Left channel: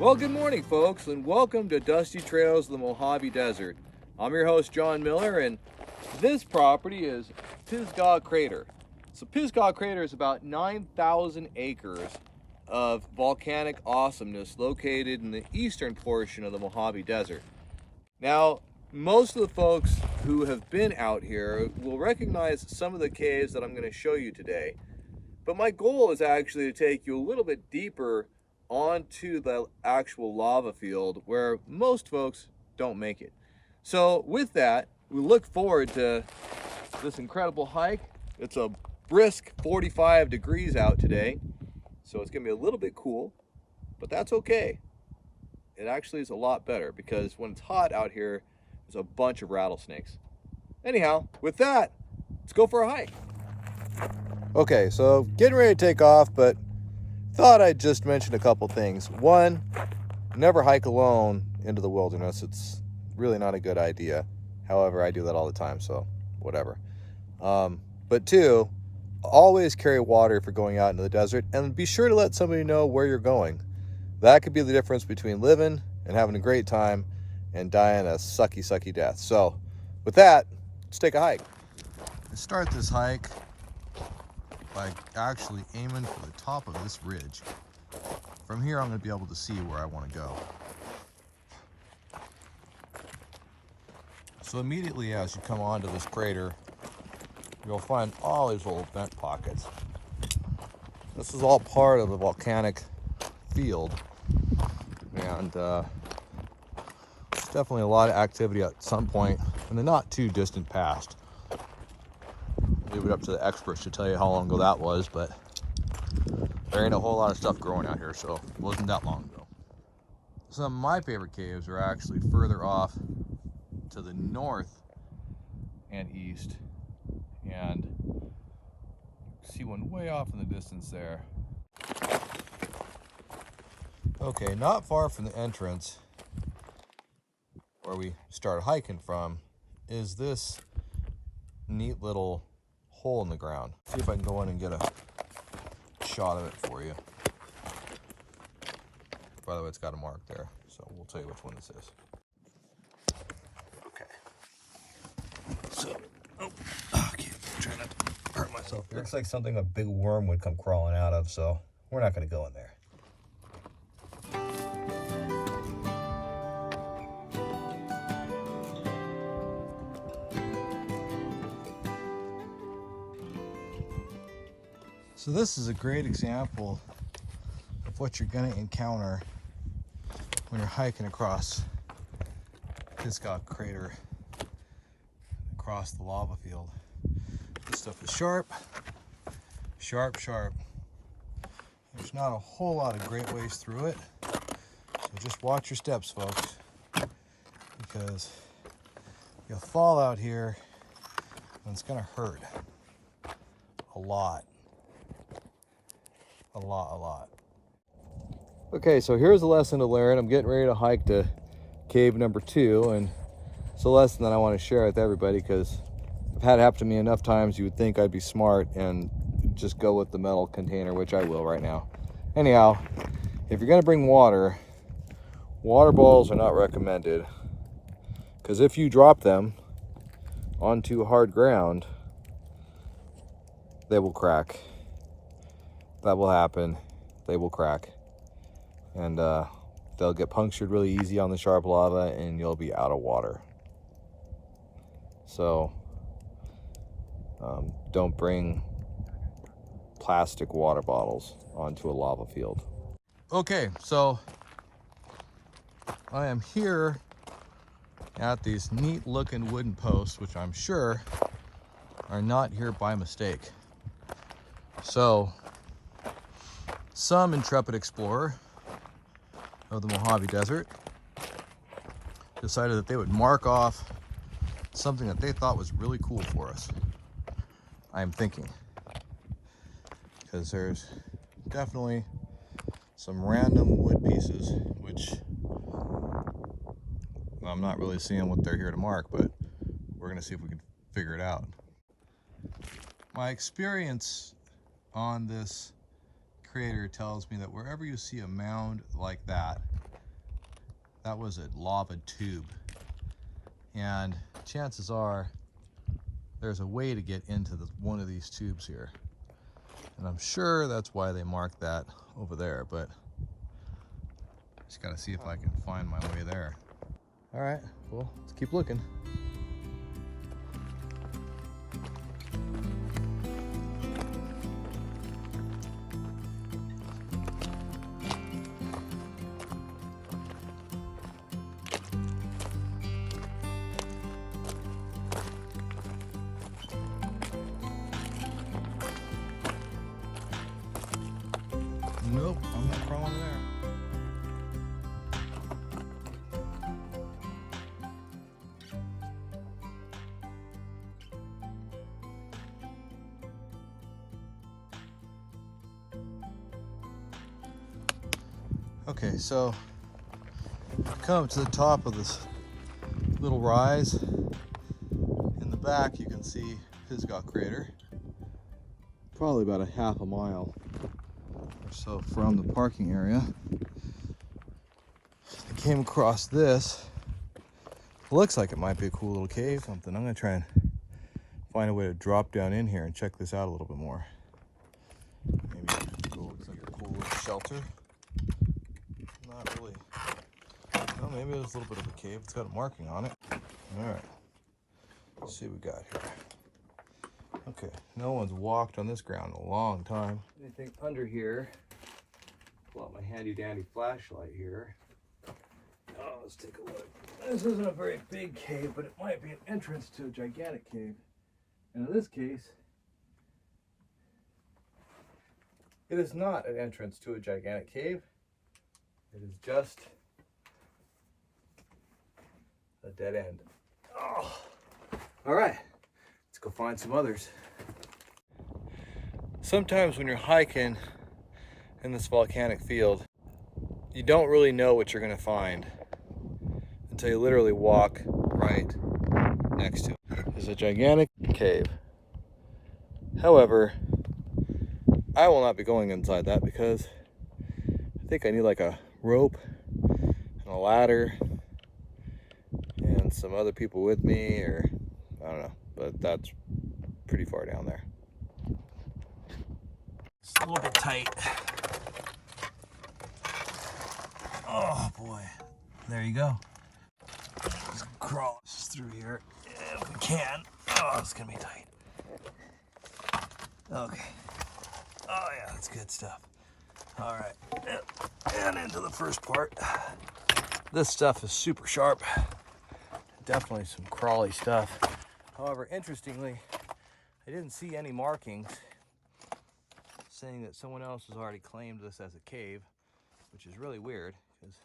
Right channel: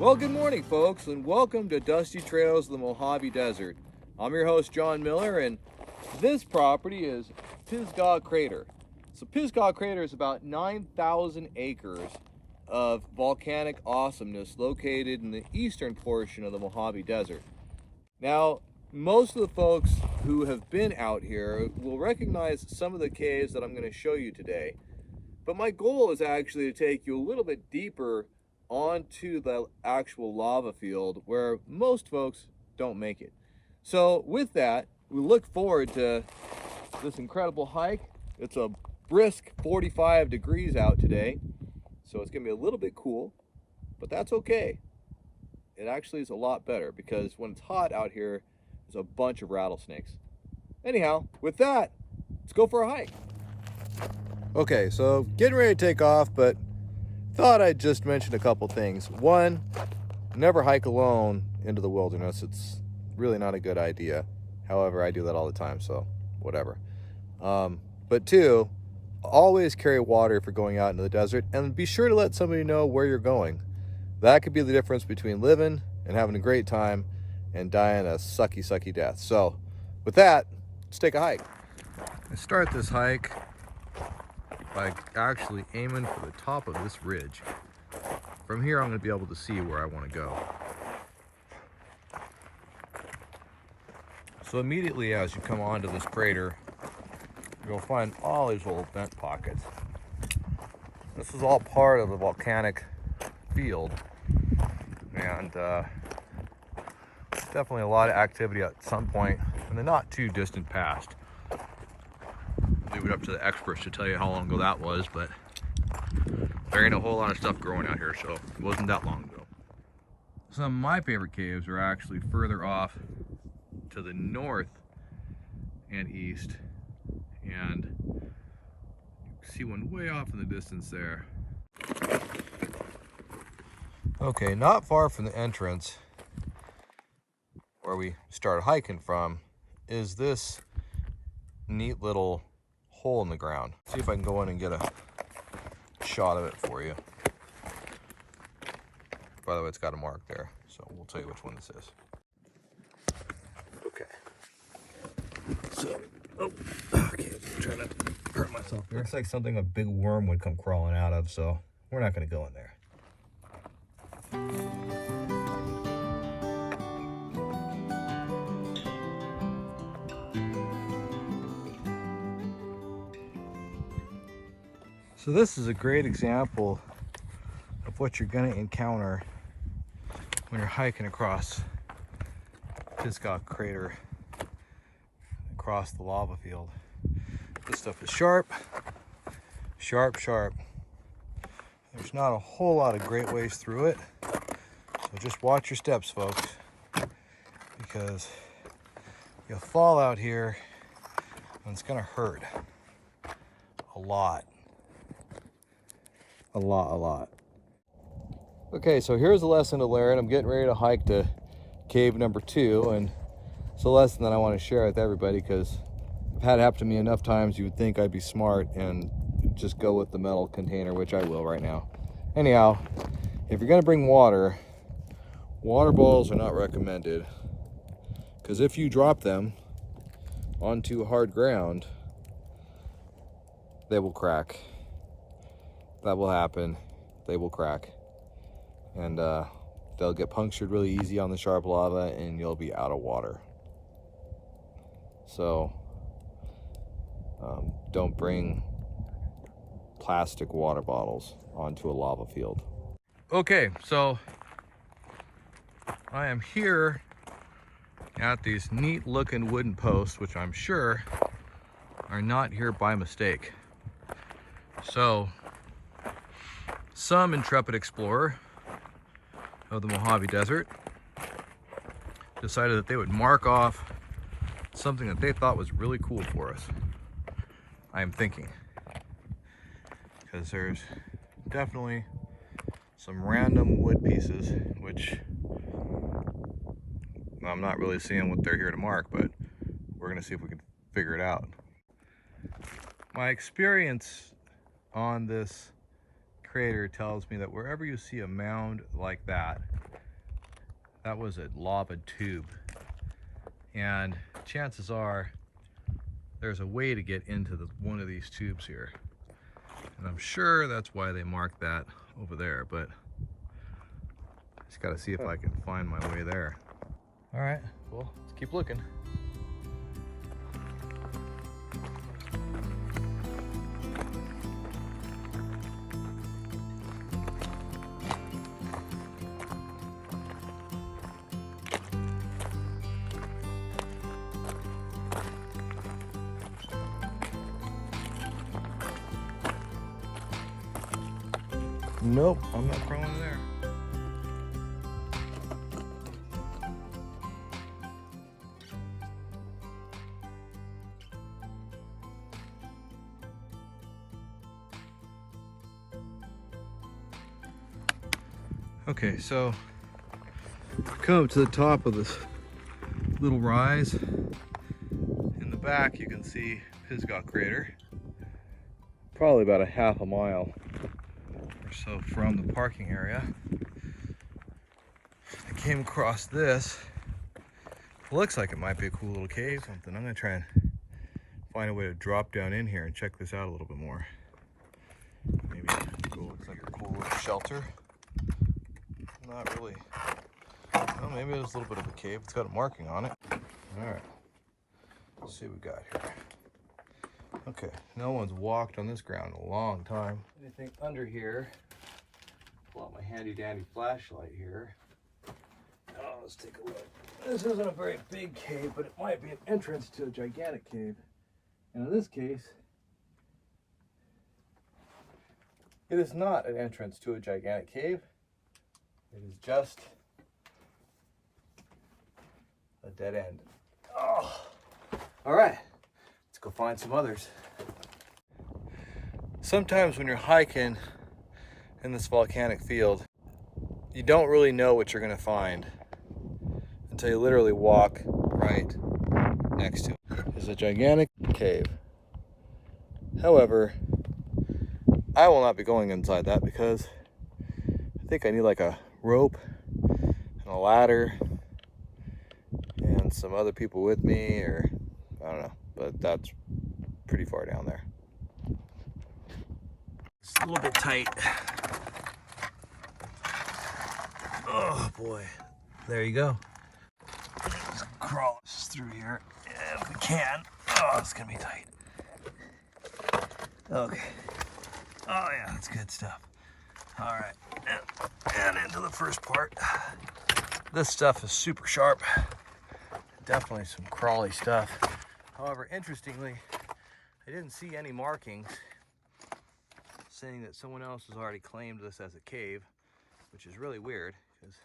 Well, good morning, folks, and welcome to Dusty Trails of the Mojave Desert. I'm your host, John Miller, and this property is Pisgah Crater. So Pisgah Crater is about 9,000 acres of volcanic awesomeness located in the eastern portion of the Mojave Desert. Now, most of the folks who have been out here will recognize some of the caves that I'm going to show you today. But my goal is actually to take you a little bit deeper onto the actual lava field where most folks don't make it. So with that, we look forward to this incredible hike. It's a brisk 45 degrees out today, so it's gonna be a little bit cool, but that's okay. It actually is a lot better because when it's hot out here, there's a bunch of rattlesnakes. Anyhow, with that, let's go for a hike. Okay, so getting ready to take off, but thought I'd just mention a couple things. One, never hike alone into the wilderness. It's really not a good idea. However, I do that all the time, so whatever. But two, always carry water if you're going out into the desert, and be sure to let somebody know where you're going. That could be the difference between living and having a great time and dying a sucky death. So with that, let's take a hike. I start this hike by actually aiming for the top of this ridge. From here, I'm going to be able to see where I want to go. So immediately as you come onto this crater, you'll find all these little vent pockets. This is all part of the volcanic field, and there's definitely a lot of activity at some point in the not too distant past. Leave it up to the experts to tell you how long ago that was, but there ain't a whole lot of stuff growing out here, so it wasn't that long ago. Some of my favorite caves are actually further off to the north and east, and you see one way off in the distance there. Okay, not far from the entrance where we started hiking from is this neat little hole in the ground. See if I can go in and get a shot of it for you. By the way, it's got a mark there, so we'll tell you which one this is. Okay. So, okay, trying not to hurt myself here. Looks like something a big worm would come crawling out of, so we're not going to go in there. So this is a great example of what you're going to encounter when you're hiking across Pisgah Crater, across the lava field. This stuff is sharp. There's not a whole lot of great ways through it, so just watch your steps, folks, because you'll fall out here and it's going to hurt a lot. A lot. Okay, so here's a lesson to learn. I'm getting ready to hike to cave number 2, and it's a lesson that I want to share with everybody because I've had it happen to me enough times. You would think I'd be smart and just go with the metal container, which I will right now. Anyhow, if you're going to bring water balls are not recommended, because if you drop them onto hard ground, they will crack. That will happen. They will crack, and they'll get punctured really easy on the sharp lava, and you'll be out of water. So don't bring plastic water bottles onto a lava field. Okay, so I am here at these neat looking wooden posts, which I'm sure are not here by mistake. So some intrepid explorer of the Mojave Desert decided that they would mark off something that they thought was really cool for us. I am thinking, because there's definitely some random wood pieces, which I'm not really seeing what they're here to mark, but we're gonna see if we can figure it out. My experience on this crater tells me that wherever you see a mound like that, that was a lava tube. And chances are there's a way to get into one of these tubes here. And I'm sure that's why they marked that over there, but just gotta see if I can find my way there. All right, well, let's keep looking. Nope, I'm not crawling there. Okay, so come up to the top of this little rise. In the back you can see Pisgah Crater. Probably about a half a mile or so from the parking area. I came across this. Looks like it might be a cool little cave, something. I'm gonna try and find a way to drop down in here and check this out a little bit more. Maybe go, looks like a cool little shelter. Not really. Well, maybe there's a little bit of a cave. It's got a marking on it. All right. Let's see what we got here. Okay, no one's walked on this ground in a long time. Anything under here? Pull out my handy dandy flashlight here. Oh, let's take a look. This isn't a very big cave, but it might be an entrance to a gigantic cave. And in this case, it is not an entrance to a gigantic cave. It is just a dead end. Oh. All right, let's go find some others. Sometimes when you're hiking in this volcanic field, you don't really know what you're gonna find until you literally walk right next to it. It's a gigantic cave. However, I will not be going inside that because I think I need like a rope and a ladder and some other people with me, or I don't know, but that's pretty far down there. It's a little bit tight. Oh boy, there you go. Let's crawl through here if we can. Oh, it's gonna be tight. Okay. Oh yeah, that's good stuff. All right, and into the first part. This stuff is super sharp. Definitely some crawly stuff. However, interestingly, I didn't see any markings saying that someone else has already claimed this as a cave, which is really weird because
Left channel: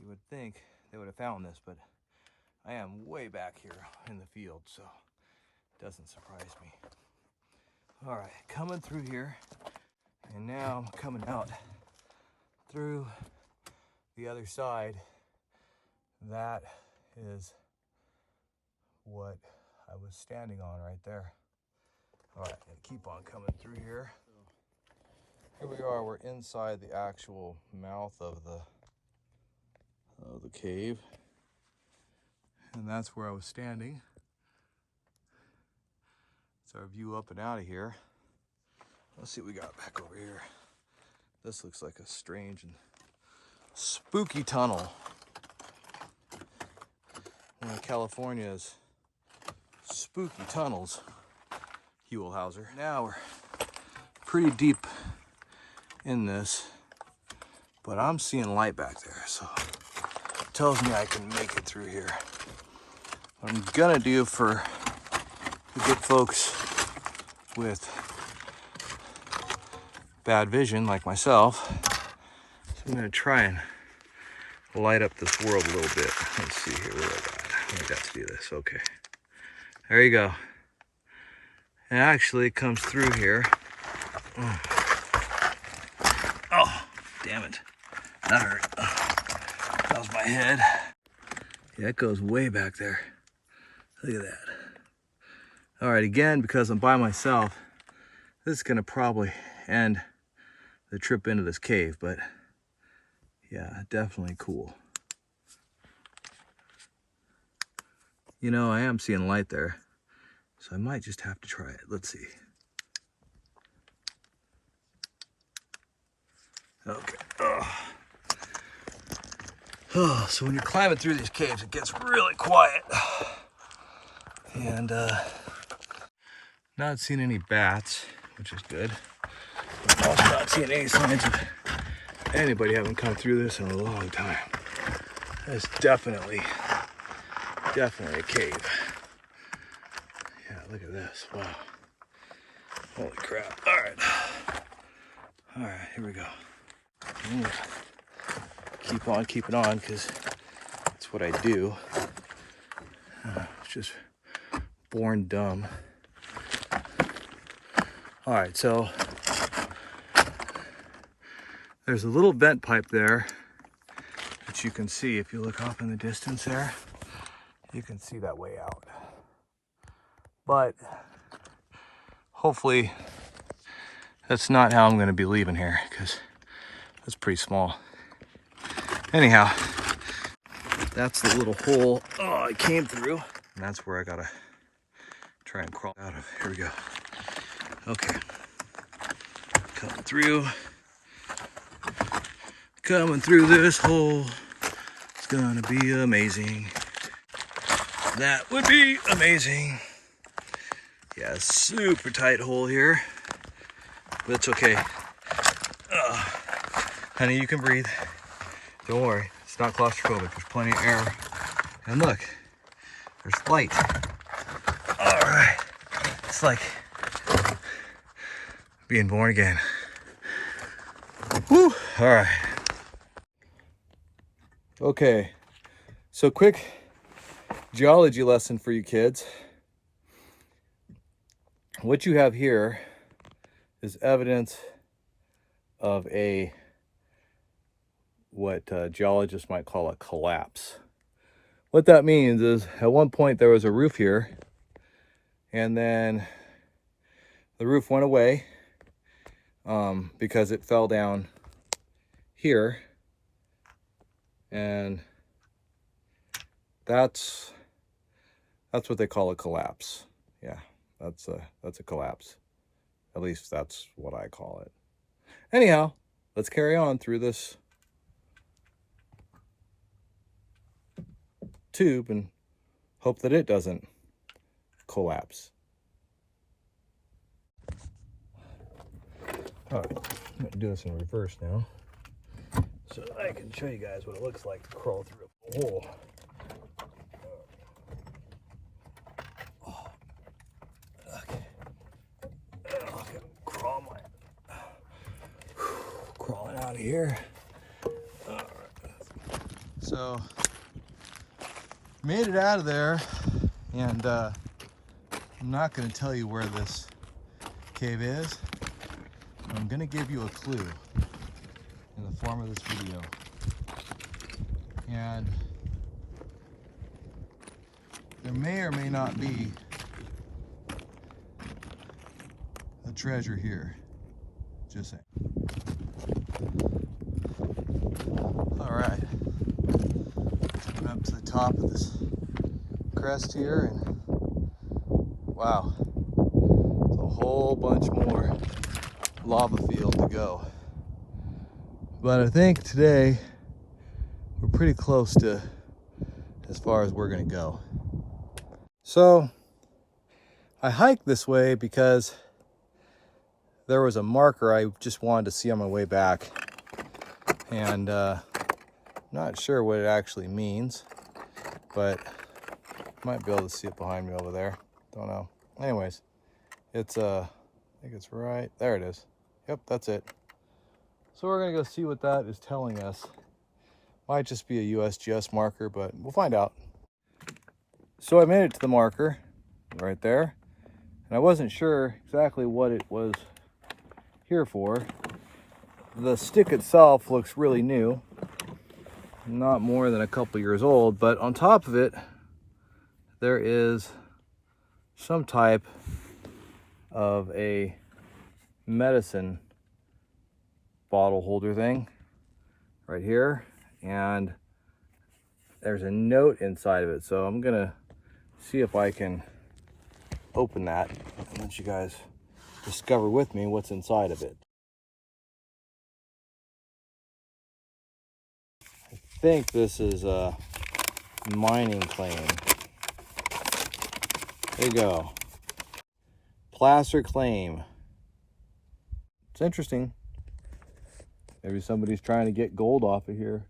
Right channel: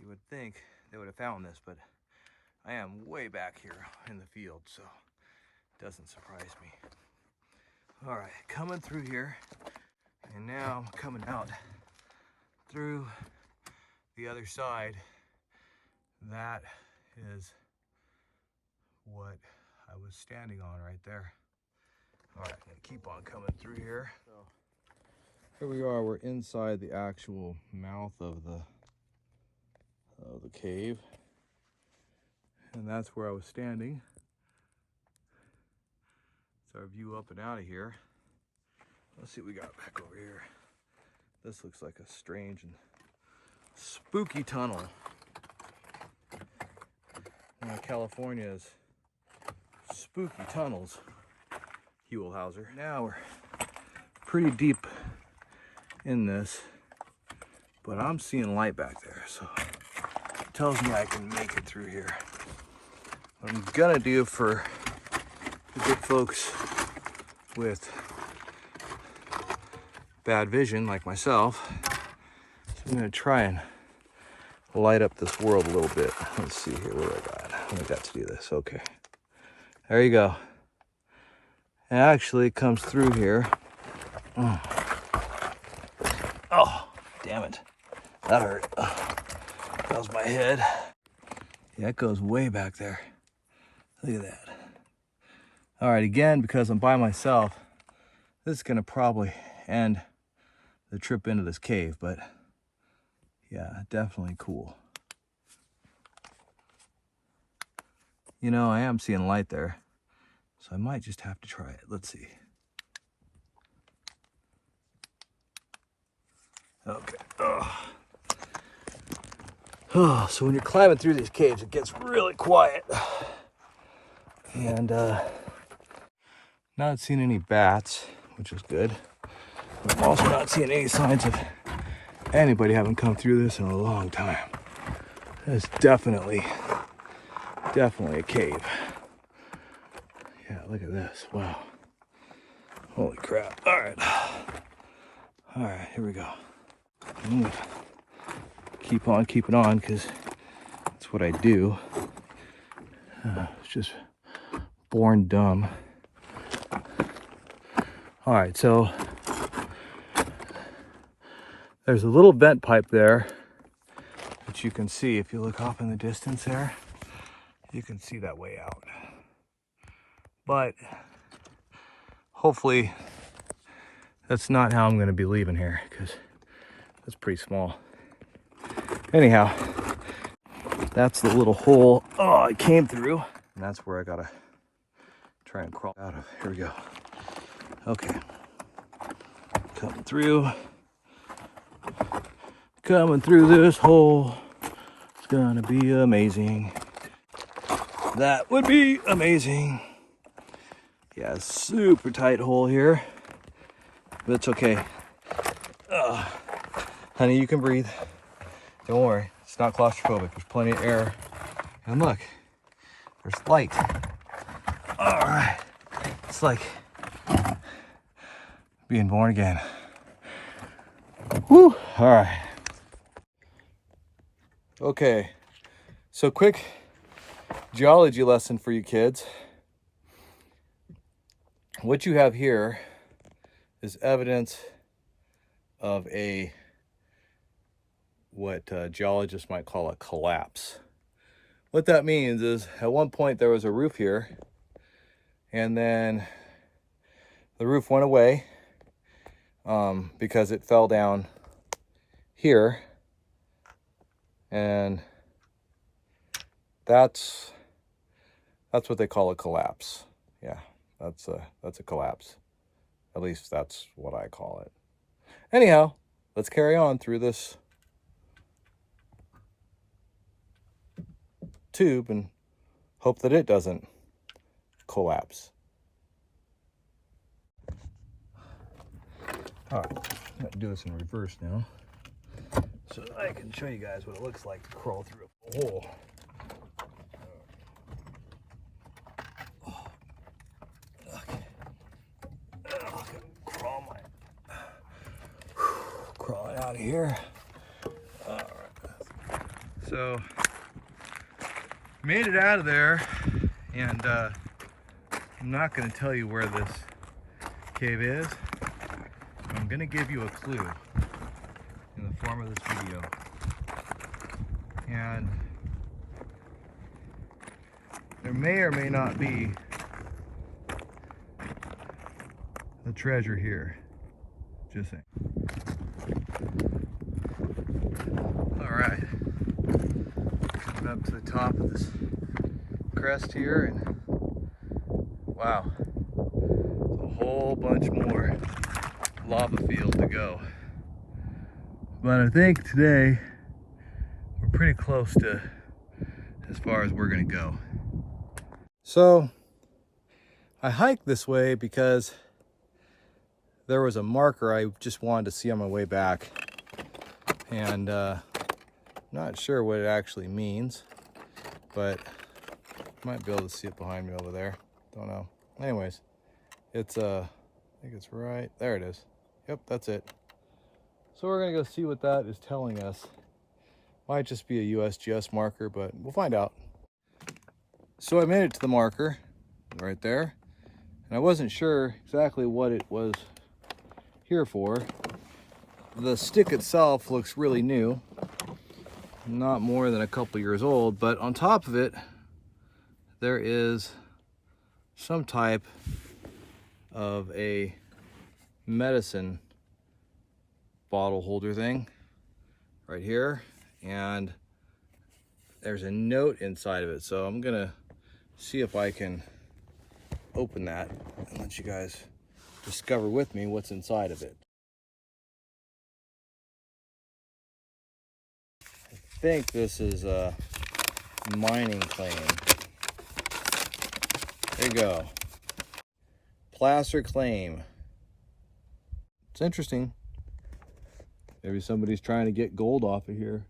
you would think they would have found this, but I am way back here in the field, so it doesn't surprise me. All right, coming through here, and now I'm coming out through the other side. That is what I was standing on right there. All right, keep on coming through here. So here we are, we're inside the actual mouth of the cave. And that's where I was standing. It's our view up and out of here. Let's see what we got back over here. This looks like a strange and spooky tunnel. One of California's spooky tunnels, Hauser. Now we're pretty deep in this, but I'm seeing light back there, so it tells me I can make it through here. What I'm gonna do for the good folks with bad vision like myself, I'm gonna try and light up this world a little bit. Let's see here, what do I got to do this. Okay, there you go. It actually comes through here. Oh, damn it, that hurt. That was my head. Yeah, it goes way back there. Look at that. All right, again, because I'm by myself, this is gonna probably end the trip into this cave, but yeah, definitely cool. You know, I am seeing light there, so I might just have to try it. Let's see. Okay. Oh, so when you're climbing through these caves, it gets really quiet. And not seeing any bats, which is good. But also not seeing any signs of anybody having come through this in a long time. There's definitely a cave. Yeah, look at this. Wow. Holy crap. All right, here we go. I'm gonna keep on keeping on because that's what I do. It's just born dumb. All right, so there's a little vent pipe there that you can see. If you look off in the distance there, you can see that way out. But hopefully that's not how I'm going to be leaving here, because that's pretty small. Anyhow, that's the little hole I came through, and that's where I gotta try and crawl out of. Here we go. Okay, coming through this hole. It's gonna be amazing. That would be amazing. Yeah, super tight hole here, but it's okay. Honey, you can breathe. Don't worry, it's not claustrophobic. There's plenty of air. And look, there's light. All right, it's like being born again. Woo, all right. Okay, so quick geology lesson for you kids. What you have here is evidence of what geologists might call a collapse. What that means is at one point there was a roof here, and then the roof went away because it fell down here, and that's what they call a collapse. Yeah, that's a collapse. At least that's what I call it. Anyhow, let's carry on through this tube and hope that it doesn't collapse. All right, I'm gonna do this in reverse now, so that I can show you guys what it looks like to crawl through a hole. Okay, crawling out of here. All right, so made it out of there, and I'm not going to tell you where this cave is. I'm going to give you a clue in the form of this video. And there may or may not be a treasure here. Just saying. All right. Coming up to the top of this crest here, and wow, there's a whole bunch more lava field to go. But I think today we're pretty close to as far as we're gonna go. So I hiked this way because there was a marker I just wanted to see on my way back, and not sure what it actually means, but might be able to see it behind me over there. Don't know. Anyways, it's I think it's right there. It is. Yep, that's it. So we're gonna go see what that is telling us. Might just be a USGS marker, but we'll find out. So I made it to the marker right there, and I wasn't sure exactly what it was here for. The stick itself looks really new, not more than a couple years old, but on top of it there is some type of a medicine bottle holder thing right here, and there's a note inside of it. So I'm gonna see if I can open that and let you guys discover with me what's inside of it. I think this is a mining claim. There you go. Placer claim. It's interesting. Maybe somebody's trying to get gold off of here.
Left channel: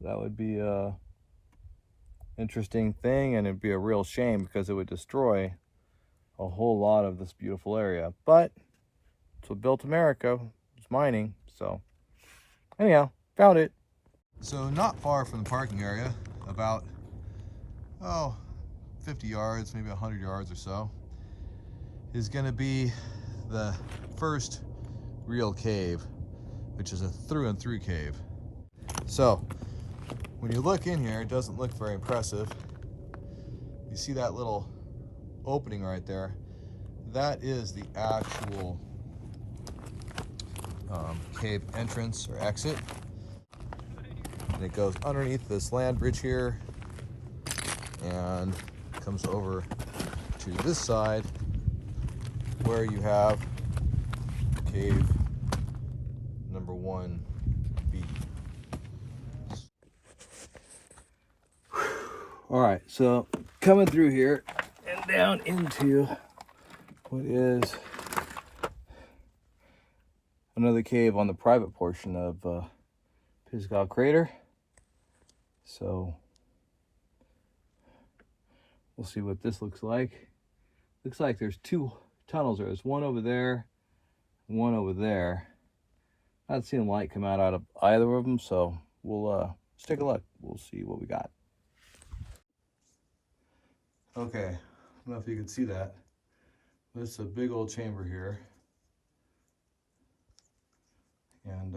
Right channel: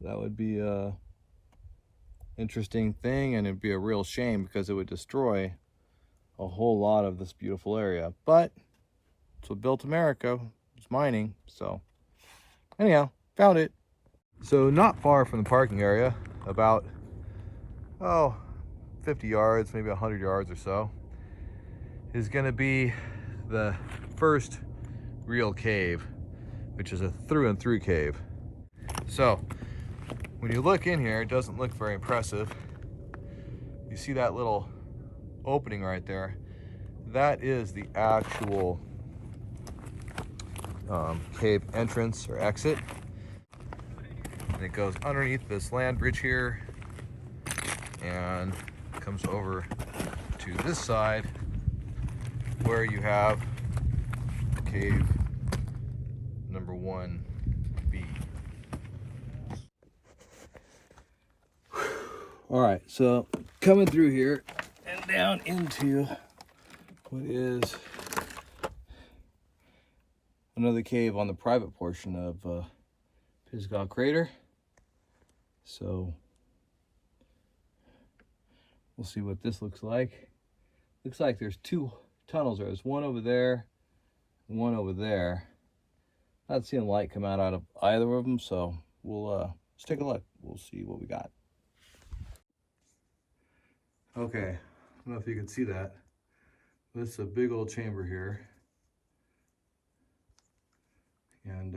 That would be a interesting thing, and it'd be a real shame because it would destroy a whole lot of this beautiful area. But it's what built America. It's mining. So anyhow, found it. So not far from the parking area, about 50 yards, maybe 100 yards or so, is going to be the first real cave, which is a through and through cave. So when you look in here, it doesn't look very impressive. You see that little opening right there? That is the actual cave entrance or exit. And it goes underneath this land bridge here and comes over to this side where you have cave number 1B. All right, so coming through here and down into what is another cave on the private portion of Pisgah Crater. So we'll see what this looks like. Looks like there's two tunnels there. There's one over there, one over there. Not seeing light come out of either of them, so we'll let's take a look. We'll see what we got. Okay, I don't know if you can see that. This is a big old chamber here. And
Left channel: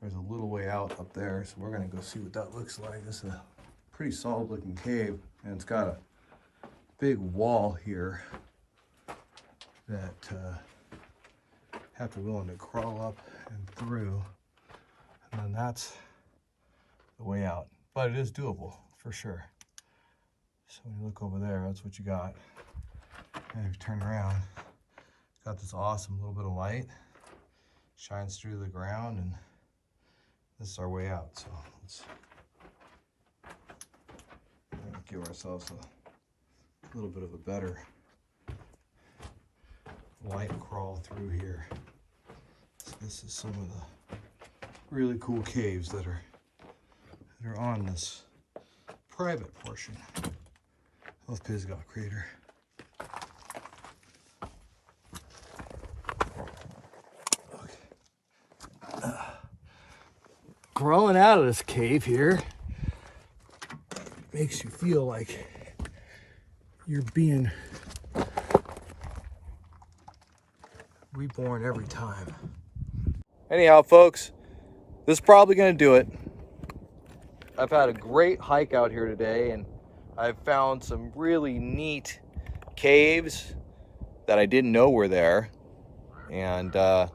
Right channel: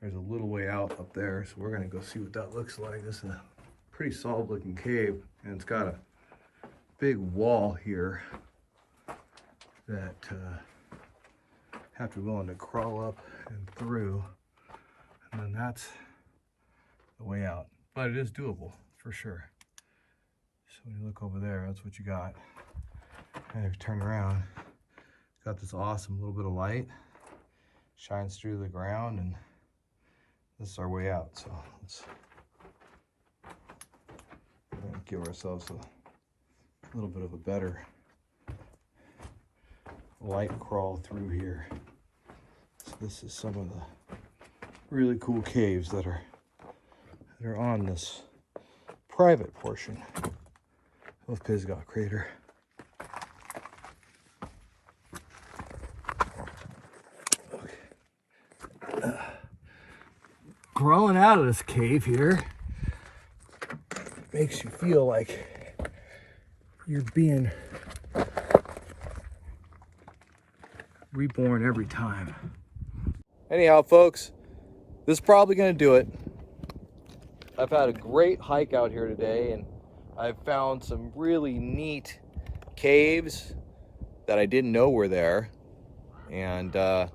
there's a little way out up there, so we're gonna go see what that looks like. This is a pretty solid looking cave, and it's got a big wall here that have to be willing to crawl up and through, and then that's the way out. But it is doable for sure. So when you look over there, that's what you got. And if you turn around, got this awesome little bit of light, shines through the ground, and this is our way out. So let's give ourselves a little bit of a better light crawl through here. So this is some of the really cool caves that are on this private portion of Pisgah Crater. Crawling out of this cave here makes you feel like you're being reborn every time. Anyhow, folks, this is probably going to do it. I've had a great hike out here today, and I've found some really neat caves that I didn't know were there, and I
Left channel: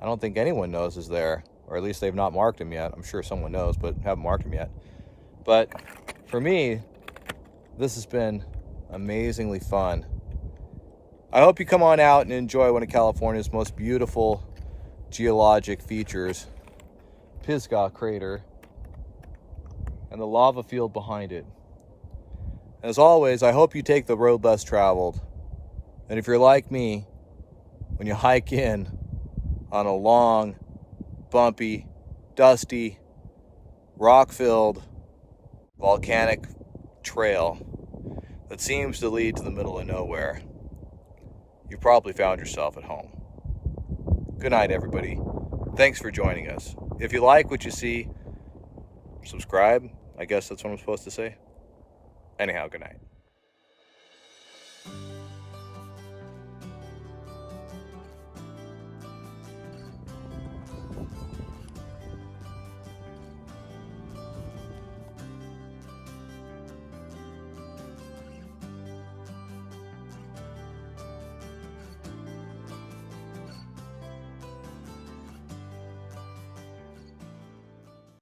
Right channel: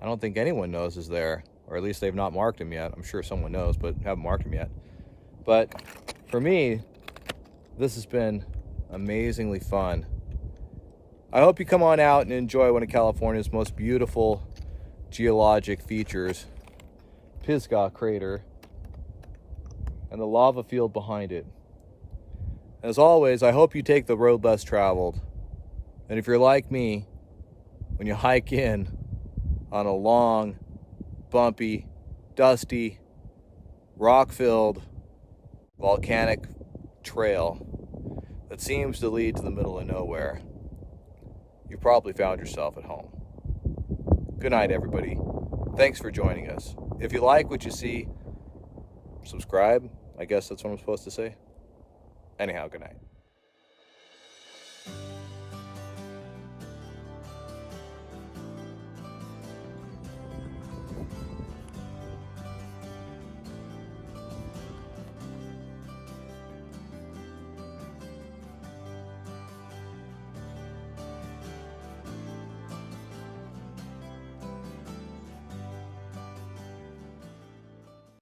don't think anyone knows is there, or at least they've not marked them yet. I'm sure someone knows, but haven't marked them yet. But for me, this has been amazingly fun. I hope you come on out and enjoy one of California's most beautiful geologic features, Pisgah Crater, and the lava field behind it. As always, I hope you take the road less traveled. And if you're like me, when you hike in on a long, bumpy, dusty, rock-filled, volcanic trail that seems to lead to the middle of nowhere, you probably found yourself at home. Good night, everybody. Thanks for joining us. If you like what you see, subscribe. I guess that's what I'm supposed to say. Anyhow, good night.